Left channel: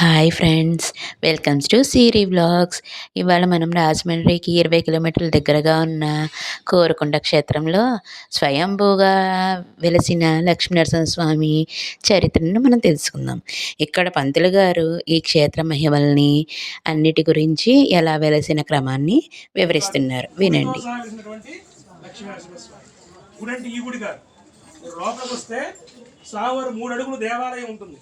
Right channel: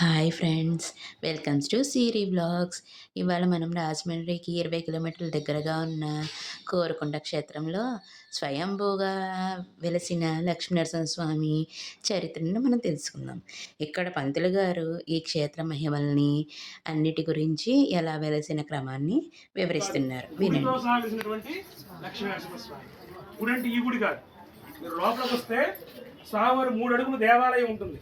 Hi friends welcomes to Siri blogs ఇవాళ మనం రాజమండ్రికి ఇరవై కిలోమీటర్ల దగ్గరగా ఉన్న కోరకొండ క్షేత్రంలో స్వయంభూగా వెలసిన లక్ష్మీనరసింహ స్వామి చరిత్రను మనం తెలుసుకుందాం. ఇక్కడ పంతులు గారు ఈ క్షేత్ర మహిమల్ని అన్నిటి గురించి ఎలా వెలసిన క్రమాన్ని వివరిస్తున్నారు. వినండి. లోపలికి వస్తే సావారు మూడు అడుగులు దేవాలయం ఉంటుంది.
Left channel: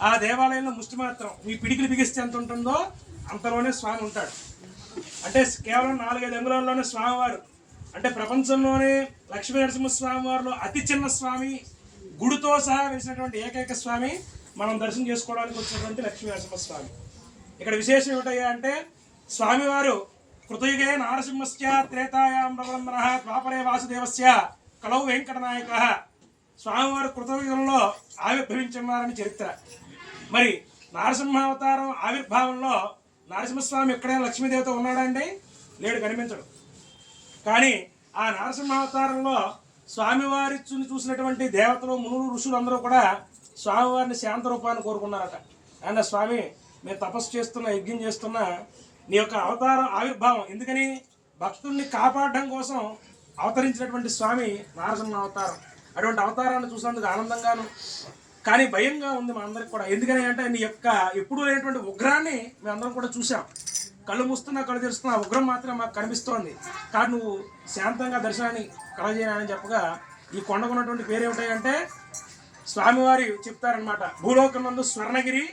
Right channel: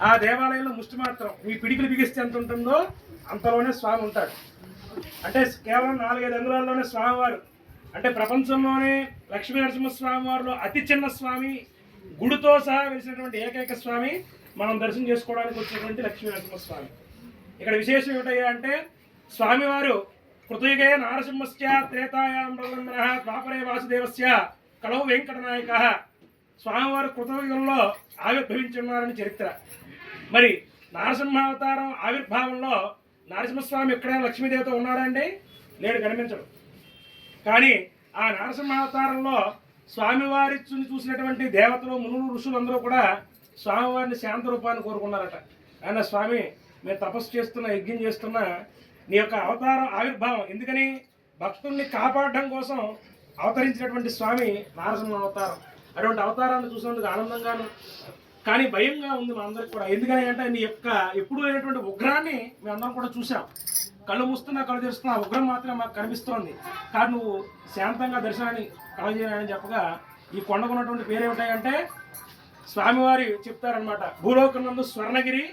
ఆ దేవాలయంలో ముష్టి మాత్రం మీ పిడికిలు బిగిస్తే ఎంత ఉంటుందో అంతలోనే స్వామి ఉంటాడు. అంటే కేవలం నాలుగైదు అంగుళాల్లోనే స్వామివారు. అంటే ప్రపంచంలోనే లక్ష్మీ నరసింహస్వామి అతి చిన్న స్వామి గుడితో సహా వెలిసినటువంటి ఏకైక స్వామి మనం దర్శనం చేసుకోవడానికి వచ్చినటువంటి లక్ష్మీ నరసింహస్వామి. ఇక్కడ విశేషం ఏమిటయ్యా అంటే స్వామివారు కృతయుగే నారసింహస్య త్రేతాయాం రఘునందన ద్వాపరే వాసుదేవస్య కలవు వెంకటనాయక. స్వామివారు కృతయుగంలో ఆవిర్భవించున్నారని చరిత్ర. మరి నారసింహావతారం ఆవిర్భావంలో నరసింహస్వామి ఎక్కడ లక్ష్మీదేవత ఉన్నాడా అండి లేడు కనిపించడు. కానీ ఆ నరసింహావతారంలో స్వామివారి చూసినటువంటి దేవతలు మునులు ఋషులు అందరూ కూడా స్వామివారిని శాంత రూపాన్ని కోరుకున్నారట. ఆయన స్వామి మేము తపస్సు చేస్తున్నా యజ్ఞం చేస్తున్నా నీ యొక్క అవతారం ఆవిర్భావం. ఎందుకని? భక్తుల్ని కాపాడడం కోసం అవతరించినటువంటి స్వామి నారసింహ అవతారం అటువంటి అవతారాన్ని చూసినందుకు ఆనందంగాను కానీ భయంగా ఉంది మా అందరికి కూడా. ఎందుకని అంటే నీ యొక్క ఎప్పుడూ లేనటువంటి ఉగ్రాన్ని మేమందరం కూడా చూసాం కళ్ళు మూస్తున్నా కళ్ళు తెరుస్తున్నా ఉగ్రం మాత్రం మాకు కనిపిస్తోంది. కానీ నువ్వు శాంతంగా దర్శనాన్ని కలగజేయాలని చెప్పగా ఈ కొండకు ఉన్నటువంటి పేరు ఏమిటంటే స్వామివారి చెప్తారనమాట భూలోకం నందు స్వర్ణగిరి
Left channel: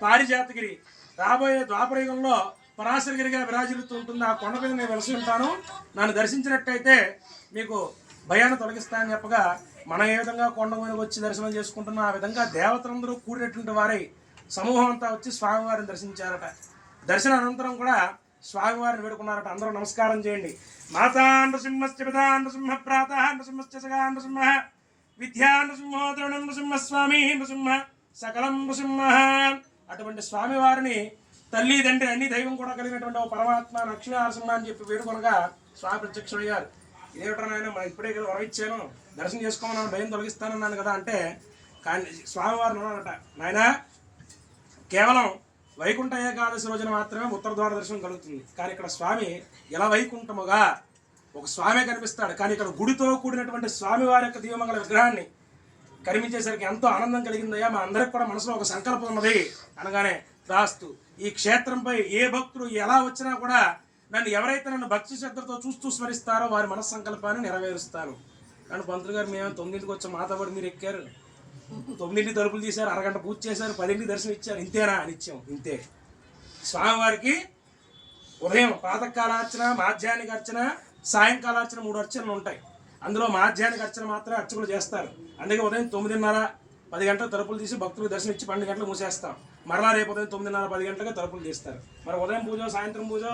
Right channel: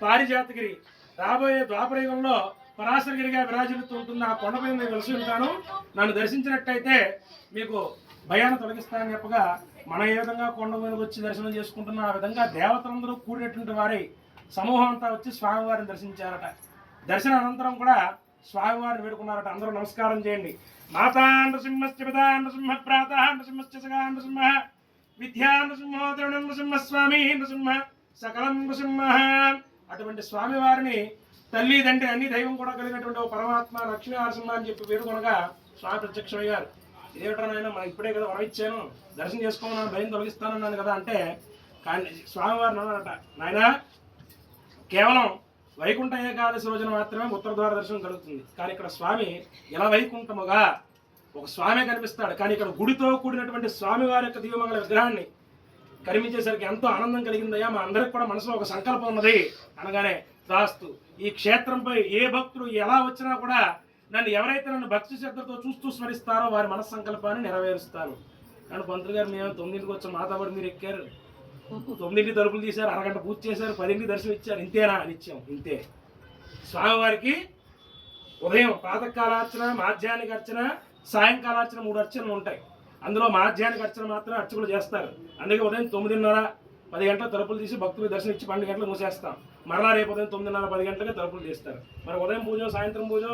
పారిజాతగిరి రాబోయే ద్వాపరయుగంలో పరాశరగిరిగా విరాజిల్లుతూ ఉంటుంది. ఆ కొండపై నేను వెలసి ఉంటాను. నన్ను దర్శించినట్టయితే మీకు భయాన్ని తొలగిస్తానని చెప్పగా మనం ఏ విధంగా కొండ మీద వచ్చి దర్శనం చేసుకుంటున్నా ఆ విధంగా దేవతలందరూ కూడినటువంటి వారై సమూహం అంతా వచ్చి స్వామివారిని దర్శించారట. దర్శన అనంతరం కూడా స్వామివారిని వేడుకున్నారట. అందరూ నమస్కారం చేయండి. మాతా నృసింహస్య పితా నృసింహ ప్రాత నృసింహస్య సగా నృసింహ విద్యా నృసింహో ద్రోణం నృసింహ స్వామి నృసింహ సకలం నృసింహ. అటువంటి స్వామివారిని తల్లి తండ్రి అన్ని దైవం కూడా కలిగినటువంటి పరమాత్మ లక్ష్మీ నరసింహ అని చెప్పి వేడుకొనగా స్వామి ప్రత్యక్షమయ్యారు. ఇదేమిటో నాయన మనం ఇప్పుడే కదా వరం ఇచ్చాను. దర్శనం చేసుకోమన్నా భయం తొలగిస్తానన్నాను కదా అంటే కానీ స్వామివారిని అన్నారట నాయనా కేవలం వైకుంఠ ఏకాదశి రోజున మాత్రమే ఉత్తర ద్వార దర్శనం కలుగుతుంది. కానీ ఇక్కడ స్వామి ఎలా వైకుంఠముగా ఒక స్వామి కనిపిస్తాడు. కానీ ఇక్కడ గుడితో కూడినటువంటి స్వామివారి యొక్క దివ్యమంగళ విగ్రహాన్ని కనిపించేసరికి ఎంతో ఆనందం కలిగిందయ్యా. మా అందరికి కూడా మనసులో ఒక సంకల్పం ఉన్నది. అనగానే దాస్తు ఈ క్షేత్రంపై ఏ భక్తుడు ఎలా వచ్చినా కూడా నన్ను ఎవరైతే నన్ను భక్తి శ్రద్ధతో చూస్తూ స్మరిస్తారో వారి మనస్ సంకల్పాన్ని నెరవేరుస్తాను కానీ పంతులు గారు మేము తొమ్మిదింటికి వచ్చి మాతబడి మీరు ఎక్కారు. తొమ్మిదింటి తలుపులు తీశారు అరగంట పూజ చేశారు పదింటికి దర్శనం ఇచ్చారు. ఇంతేనా అని ఇచ్చాం ఇంతే. స్వామివారికి ఉదయం ప్రాతకాలార్చన మాధ్యానిక అర్చన సాయంకాల అర్చన మూడు అర్చనలు ఉంటాయి. అందులో మాధ్యానిక అర్చన మాత్రమే అర్చకులు చేస్తారు. అందుకే ఉదయం తొమ్మిదిన్నర పది గంటల తలుపులు తీసి భక్తులకు దర్శనం ఇచ్చి పన్నెండు గంటలు మూసేస్తాం. మరలా రేపు ఉదయం తొమ్మిదిన్నర పది గంటలకి తలుపులు తీస్తారు. మరి ఉదయం పూజ సాయంత్రం పూజ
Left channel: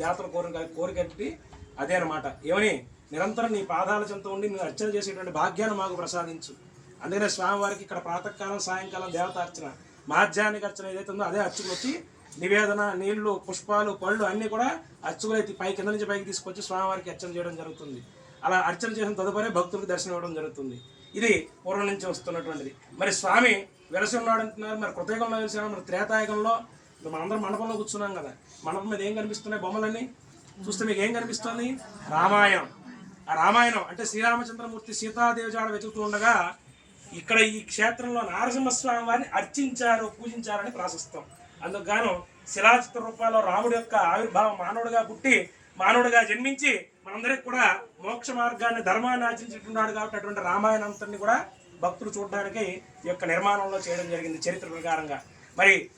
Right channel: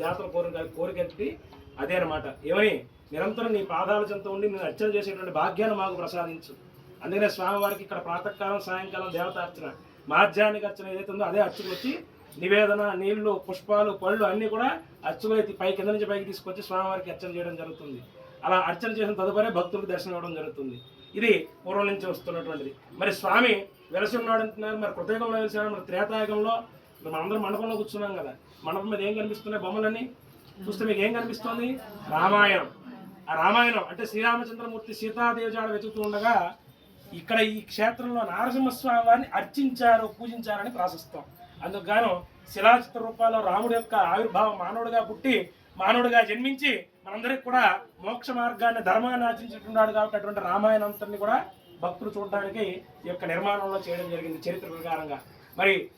దేవతల కోరిక కోరికెట్టి అదే అనమాట ఏమని? నిరంతరం నీ పాదాల చెంత ఉండి నేను అర్చన చేసేటువంటి భాగ్యాన్ని మాకు ప్రసాదించు. అందుకనే స్వామివారికి ఇక్కడ ప్రాతకాలం సాయంకాలం దేవతార్చన మాధ్యానిక అర్చన ఏదైతే ఉందో అదే అర్చకులు వచ్చి నివేదన నీళ్ళు పుష్పాలు పళ్ళు అన్నీ కూడా అర్చకులు అయితే పై కింద నుంచి పైకి తీసుకొచ్చి స్వామివారికి అర్చన చేయడం జరుగుతుంది. అలా అర్చన చేసిన తదుపరి భక్తులకు దర్శనం ఇవ్వడం జరుగుతుంది. ఇది పూర్వం నుంచి వస్తున్నటువంటిది. మరి స్వామి వెలసి ఉన్నాడు అంటున్నారు మరి కృతయుగంలో వెలిసాడు మరి త్రేతాయుగంలో ఇప్పుడు మనందరం మండపంలో కూర్చున్నాం కదా. మండపం మీద ఏం కనిపిస్తున్నాయి బొమ్మలన్నీ? చూస్తే మీకు ఏం కనిపిస్తుంది? రామాయణం. ఆ రామాయణం అంటే శ్రీరామచంద్రమూర్తి సీతాదేవి జాడ వెతుకుతూ ఉండగా ఇక్కడ ఈ క్షేత్రంలో నారసింహస్వామి వారిని అర్చించారు పూజించారని ప్రాశిస్తాం. అందుకు గాను శిలాచిత్ర రూపాల్లో రాముడి యొక్క ఆవిర్భావం మానవుడిగా పుట్టి మానవుడిగా జన్మించి మనందరికి కూడా మోక్ష మార్గాన్ని ధర్మాన్ని ఆచరించుకున్నాడు కాబట్టి అటువంటి రామాయణంతని కూడా భక్తులు చూడడానికి ఈ యొక్క నిర్మాణంలో చేయడం జరిగింది చరిత్ర ప్రకారంగా. మరి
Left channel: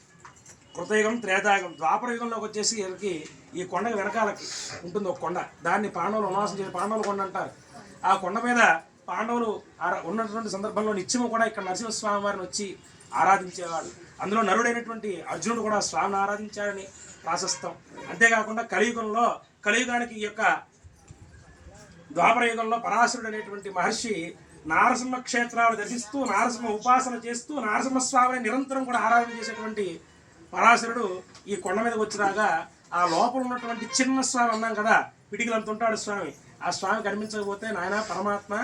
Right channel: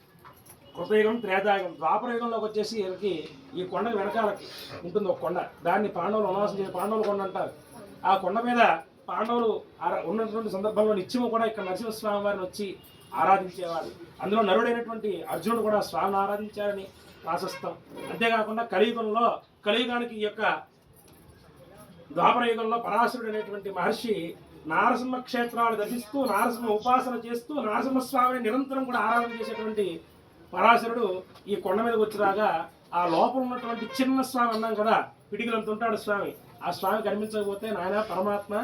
కృతయుగం త్రేతాయుగం ద్వాపర యుగంలోకి వచ్చేసి వీళ్ళకి ఈ కొండ వెనకాలకి ఉంటుంది ఒక కొండ. దాన్ని పాండవులు వనవాసం చేసి పాండవుల కొండ అంటారు. ఆ కొండ మీద పాండవులు ఆరా- ఉన్నటువంటి సందర్భంలో నిత్యము కూడా ఇక్కడ నరసింహస్వామి వారిని వచ్చి ఆరాధించేవాడు అందులో నరుడైనటువంటి అర్జునుడు కూడా స్వామిని ఆరాధించారని ప్రాశస్తం. అంతేకాకుండా కలియుగంలో కలియుగానికి ఈ యొక్క ద్వాపర యుగంలో పరాశరుడు అనేటువంటి మహర్షి నారసింహ క్షేత్రాలు దర్శిస్తూ నారసింహ ఉపాసన చేస్తూ నారసింహస్వామిని నిరంతరం కూడా ఆరాధన చేసేటువంటి పరాశరుడు ఈ కొండ మీద వచ్చిరాగా ఆ లోపల ఉన్నటువంటి చిన్న స్వామి అన్నాం కదా పిడికిలంత ఉంటాడు స్వామి. ఆ స్వామి కనిపించకపోతే నాయన పరమాత్మ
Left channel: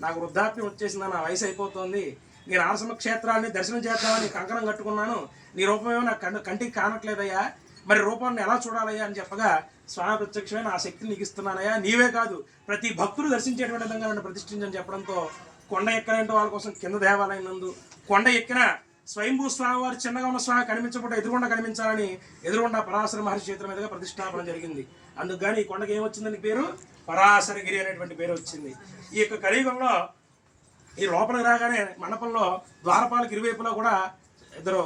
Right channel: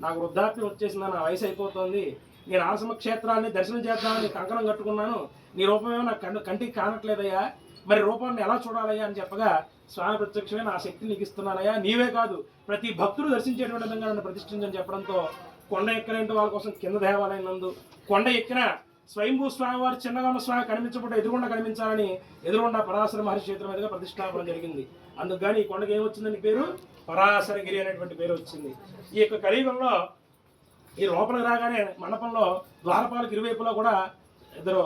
నాకు వృద్ధాప్యం వచ్చేసింది నా వయసు అయిపోతుంది. నేను ఆరసమ క్షేత్రాన్ని దర్శనం చేద్దామని కంకణం కట్టుకున్నాను. నీ రూపమేమో నాకు కంటి కంటికి కానట్లేదయ్యా. మరి రూపాన్ని ఎలా చూడాలయ్యా? అని చెప్పగా స్వామి ప్రత్యక్షమే నా శక్తిని నీకు ఇస్తున్నానయ్యా. నీవే కాదు ప్రతి భక్తుడు దర్శించేటువంటి విధంగా నన్ను ప్రతిష్ఠించని చెప్పడంతో కొండ ఎక్కలేంటి వాళ్ళ కోసం కింద దేవాలయం నందు కొండ ఎక్కిన స్వయంభూ స్వామి వారు చిన్నగా ఉన్న స్వామి కనిపించకుండా ఎదురుగుండా కనిపించాలని ఎదురుగుండా పరాశర మహర్షి క్షేత్రం మీదుగా ప్రతిష్టాపన జరిగింది. అందుకు కానీ ఈ కొండకి ఏమొచ్చిందని పేరు? పరాశరగిరి అనేటువంటి పేరు వచ్చింది. ఈ యొక్క కలియుగంలో ఈ లోపలికి రాగానే మండపంలో ద్వారపాలకు ఇరువైపులా కూడా ఇద్దరు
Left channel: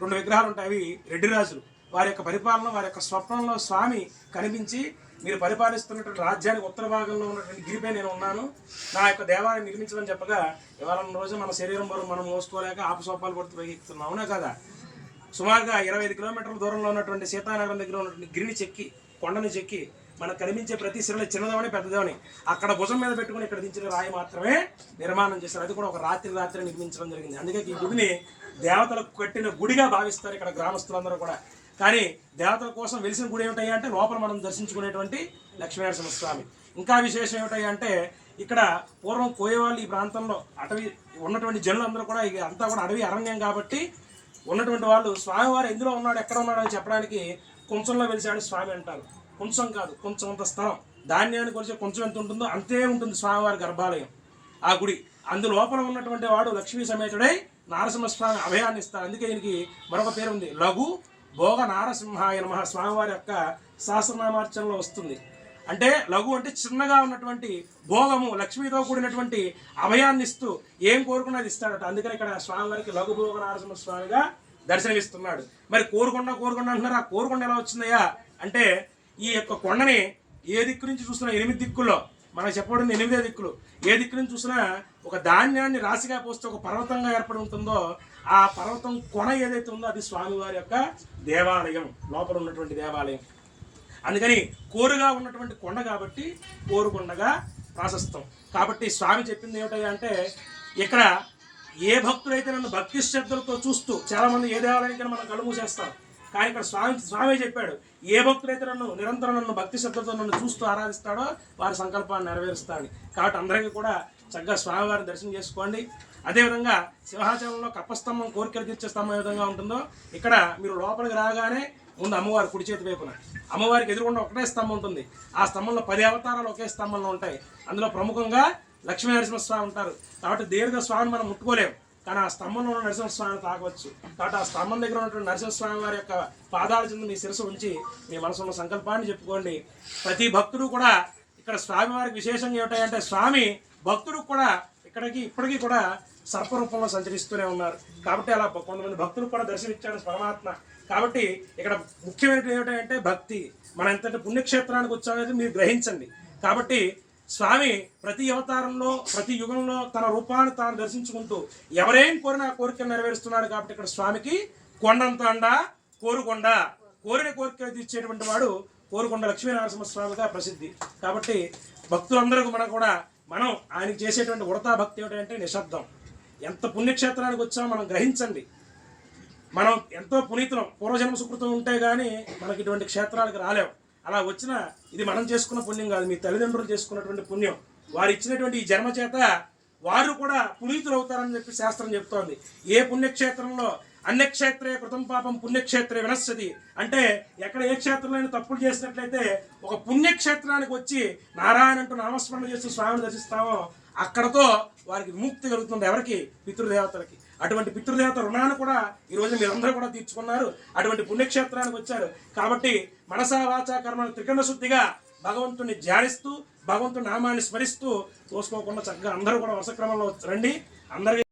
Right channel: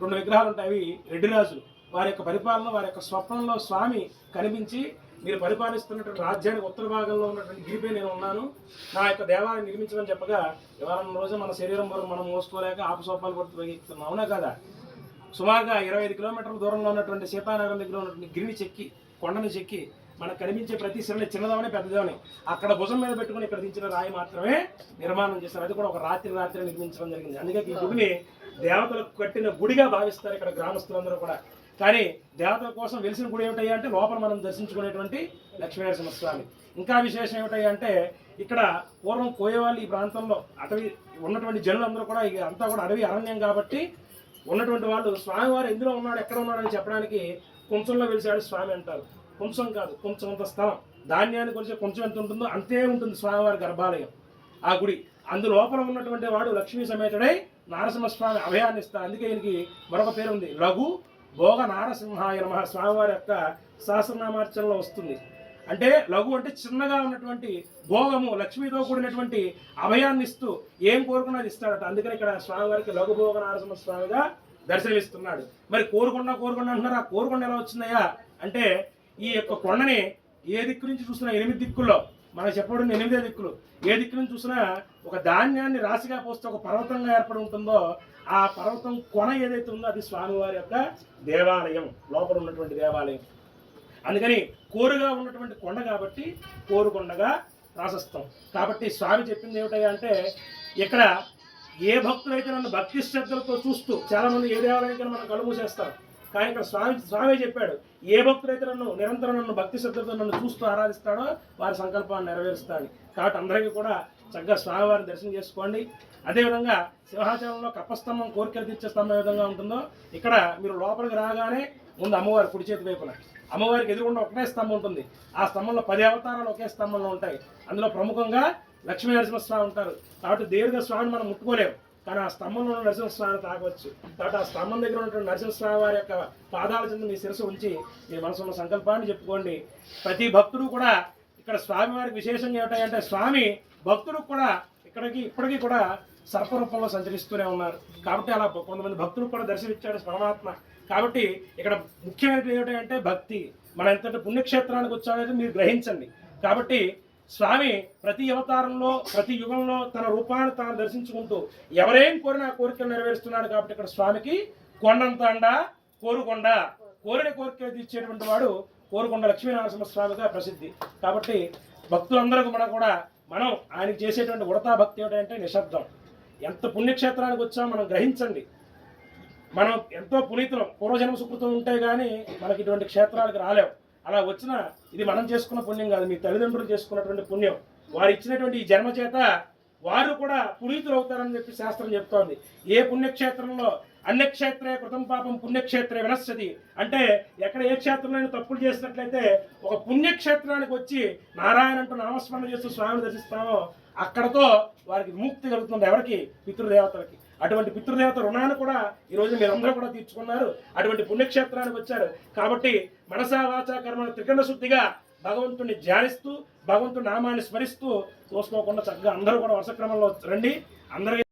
రెండు విగ్రహాలు ఉంటాయి. అవి రెడ్డి రాజులు. వారి యొక్క పరిపాలన వారి యొక్క స్వప్నంలో స్వామి కనిపించి మీరు పరిపాలిస్తున్నటువంటి రాజ్యానికి ఉత్తర భాగంలో ఉన్నటువంటి గిరిపై నేను ఉన్నాను. నా యొక్క దేవాలయం నిర్మించమని చెప్పగా ఇవాళ రోజు మన శరీరం వరకు మనం మోసుకోలేక ఆపసోపాలు పడుతూ పైకెక్కుతున్నాం అవునా కదా? సుమారుగా ఇరవై ఐదు కిలోమీటర్ల దూరంలో ఉన్నటువంటి సీతానగరం దగ్గర ఉన్నటువంటి గిరిని చెక్కి కొండను చెక్కి మనకు కనిపించే ప్రతి శిలని చిన్నదమని పెద్దదమని అక్కడ భుజం మీద పెట్టుకుని ఇక్కడ దించిన రాయి మాత్రమే నిర్మాణం చేశారు. అది కూడా ఒక రాత్రి రాత్రి నిర్మించడం జరిగింది. అందుకే ఈ గుడిని దేవతలకు కట్టిన గుడిగా భావిస్తారు ఇక్కడ గ్రామస్తులందరూ కూడా. కానీ దేవతల కోసం వెలిసిన గుడి ఏమిటయ్యా అంటే లోపల మనం దర్శించుకునేటువంటి లక్ష్మీనరసింహ స్వామి. ఇంకా విశేషం ఏమిటయ్యా అంటే ఇక్కడ పూర్వం కోయేవాళ్ళు ఈ ప్రాంతంలో అటవీ ఉన్నటువంటి జనులు అందరూ కూడా ఇక అంతా కూడా అడవి అరణ్యం కాబట్టి ఉన్నటువంటి వాళ్ళు స్వామివారు ఎందులో ఉన్నాడు ఎక్కడ ఉన్నాడు అని చెప్పడానికి కొంచెంలో వెలిసాడు స్వామి అంటారు. కొంచెం కాదు కొంచెం అంత స్థలం. ధాన్యాన్ని కొలిచే కొంచెం ఎంత ఉంటుందో అంతే ఉంటుంది స్వామివారి గర్భాలయం. ఆ గుడి. అందులోపల ఉన్నటువంటి వాడు లక్ష్మీ సమేతుడై నారసింహస్వామి అభయాన్ని ఇస్తారు. అందుకే ఈయనకి మరొక పేరు ఉంది లఘు భోగ నారసింహాయ నమ. స్వామివారి యొక్క సహస్రనామార్చనలో వస్తుంది. అంటే లఘు అంటే చిన్నగా ఉన్నటువంటి భోగము లక్ష్మితో కూడినటువంటి అభయాన్ని ఇస్తూ ఏం కోరుకున్నది ఇస్తాడట. అందుకని ఇక్కడ స్వామివారికి లఘు భోగ నారసింహ స్వామిగా దర్శనమిస్తున్నాడు. మరి కోరుకొండ కోరుకుండా అంటున్నారు. ఆ కోరుకొండ ఎలా వచ్చిందయ్యా? అంటే ఈ యొక్క కొండని ఏ దిక్కు నుంచి చూస్తున్నా ఎనిమిది దిక్కుల్లో మనం చెప్పబడింది ఎనిమిదే దిక్కులు. ఏ దిక్కు నుంచి చూసినా ఒక ధాన్యాన్ని రాశిగా పోస్తే ఒక పర్వతంగా ఏర్పడి ఉంటుందో ఆ పర్వతం కొన ఏదైతే ఉందో అది స్వామివారి యొక్క దేవాలయం లోపల ఉన్నటువంటి దేవాలయం. అందుకని కోరుగా ఉన్నటువంటి కొండ కాబట్టి కోరుకొండగా ప్రాశస్తం. కాబట్టి స్వామి చెప్పింది ఏమిటంటే అంటే ఇక్కడ ఏ భక్తులైతే నన్ను భక్తి శ్రద్ధలతో చూస్తూ చాలా మంది ఏ దేవాలయానికి మనం కళ్ళు మూసేస్తాం. కానీ ఇక్కడ స్వామి స్వామి చెప్పాడు ఏ భక్తులైతే నన్ను నిరంతరం నన్ను భక్తి శ్రద్ధతో నన్ను చూస్తూ ఆరాధిస్తాడో వారి సంకల్పాన్ని నెరవేరుస్తాడు కాబట్టి అందరికీ కూడా చక్కగా స్వామివారిని దర్శనం చేసుకోండి. అదేవిధంగా సింహాచలంలో కప్పస్తంభం కోరికలు తీర్చే స్తంభం ఏ విధంగా ఉంటుందో ఇక్కడ మీరు లోపలికి రాగానే ముందు అమ్మవారి కుడి చేతి వైపున. అమ్మవారికి ఎదురుగుండా ఒకటే స్తంభం ఉంటుంది. ఆ స్తంభంలో పది అవతారాలు ఒకే స్తంభంలో ఉంటాయి. అందులో ప్రముఖంగా లక్ష్మీ నరసింహస్వామి ఉంటారు. కాబట్టి దేవుడిగా స్వామిని మనం ముట్టుకోలేము కానీ ఆ స్తంభంలో ఉన్న నరసింహస్వామిని తాగవచ్చు. కాబట్టి ఆ స్తంభం దగ్గర ఉన్నటువంటి నరసింహస్వామి వారి యొక్క పాదాల చెంది మీ శిరస్సు ఉంచి మీ మనసున్న సంకల్పాన్ని చెప్పుకోండి. ప్రతి భక్తుడు కూడా ఇక్కడ స్వామివారికి విశేషంగా ఏమిటంటే స్వామి భక్తుడు కూడా ఇక్కడికి ఇప్పటికీ కూడా సర్పరూపంలో సంచరిస్తూనే ఉన్నారు. కాబట్టి అలా కొంతమంది భక్తులు కూడా దర్శనమిచ్చాడు పరమాత్మ. కాబట్టి ఇక్కడ ముఖ్యమైనది ఏమిటంటే భక్తి. మన ఎంతటి పుణ్యక్షేత్రానికి వచ్చామనేది మీరు గ్రహించండి. కాబట్టి స్వామి ప్రతి అవతారంలో ప్రతి యుగంలో తన రూపాన్ని తాను దర్శించుకుంటూ ఎవరేం కోరిన కోరికలు నెరవేరుస్తున్నాడు కాబట్టి ఇక్కడ స్వామికి కొండంతండ కోరుకొండ. కోరిన కోరికలు తీర్చేటువంటి వాడు కోరుకొండ లక్ష్మీనరసింహ స్వామిగా ప్రసిద్ధి. కాబట్టి భక్తులందరూ మనం కూడా మనం ఆయనకి చేసేటువంటి ఉడతా భక్తి ఏమిటంటే నిశ్శబ్దం. ఎంత పుణ్యక్షేత్రానికి వచ్చామో మనం గ్రహించండి. మనం ఎంతో పునీతులం. పూర్వజన్మ సుకృతం ఉంటే కానీ మనకి ఇటువంటి క్షేత్రాలకు రాలేం. అలా వచ్చిన ఇది మనం చేసుకున్న పుణ్యం కాదు. మీ తల్లిదండ్రులు చేసుకున్నటువంటి పుణ్యం. వారు ఇచ్చినటువంటి ఈ జన్మ చేత వారు కూడా పునీతులు అవుతారని చెప్పి శాస్త్రం చెప్తోంది. ఏ పుణ్యక్షేత్రంలో అన్యక్షేత్రే కృతం పాపం పుణ్యక్షేత్రే వినశ్యతి అంటే ఎక్కడ ఏ క్షేత్రంలో తప్పులు చేసినట్లయితే ఒక పుణ్యక్షేత్రానికి వచ్చి నారాయణ అంటూ నామస్మరణ చేస్తూ స్వామిని దర్శిస్తామో అక్కడతో వారికి విముక్తి కలుగుతుంది ఎవరికి? పితృదేవతలకి. అటువంటి పితృదేవత రుణాన్ని కూడా ఈ రోజు మీరందరూ కూడా తీర్చుకున్నారు. అటువంటి పుణ్యక్షేత్రానికి వచ్చారు. కాబట్టి మనసా వాచా కర్మ త్రికరణ శుద్ధిగా భగవంతుని ధ్యానిస్తూ భగవంతుని నామాన్ని స్మరిస్తూ తోసుకోకుండా చక్కగా అందరూ కూడా వరుస క్రమంలో రండి. అందరికీ